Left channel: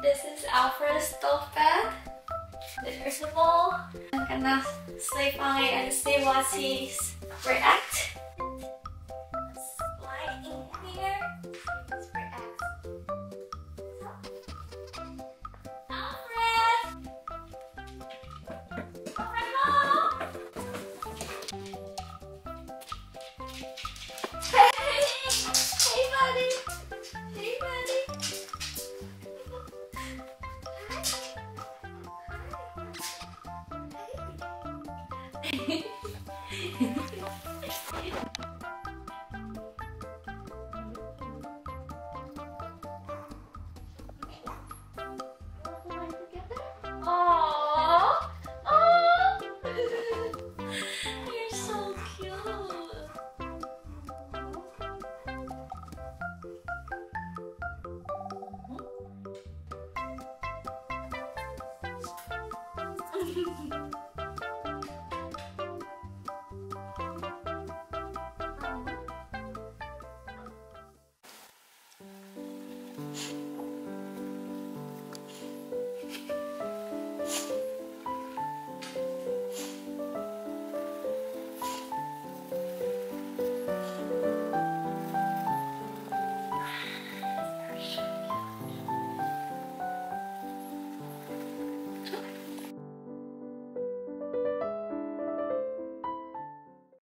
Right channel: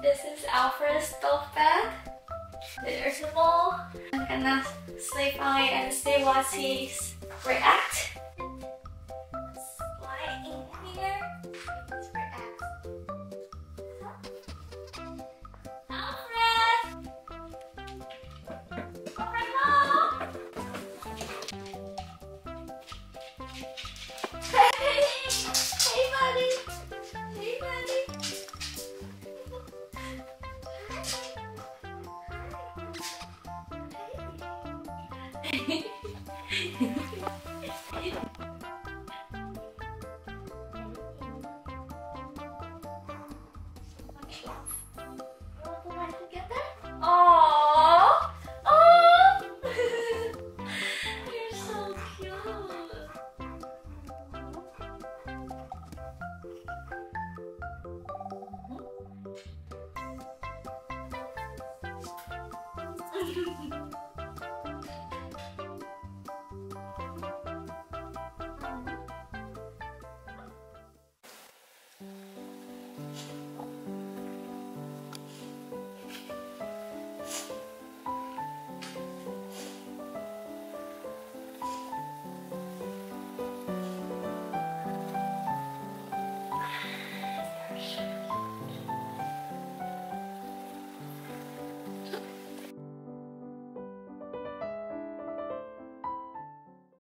This is Alfred's stove bed. There's a ball. I'm gonna sleep on it and see what he's react. Slide in here. Let's react. Alfred! Alfred, hello! Hey! Hey, buddy! Hey, buddy! Aww! Oh! You're so cute.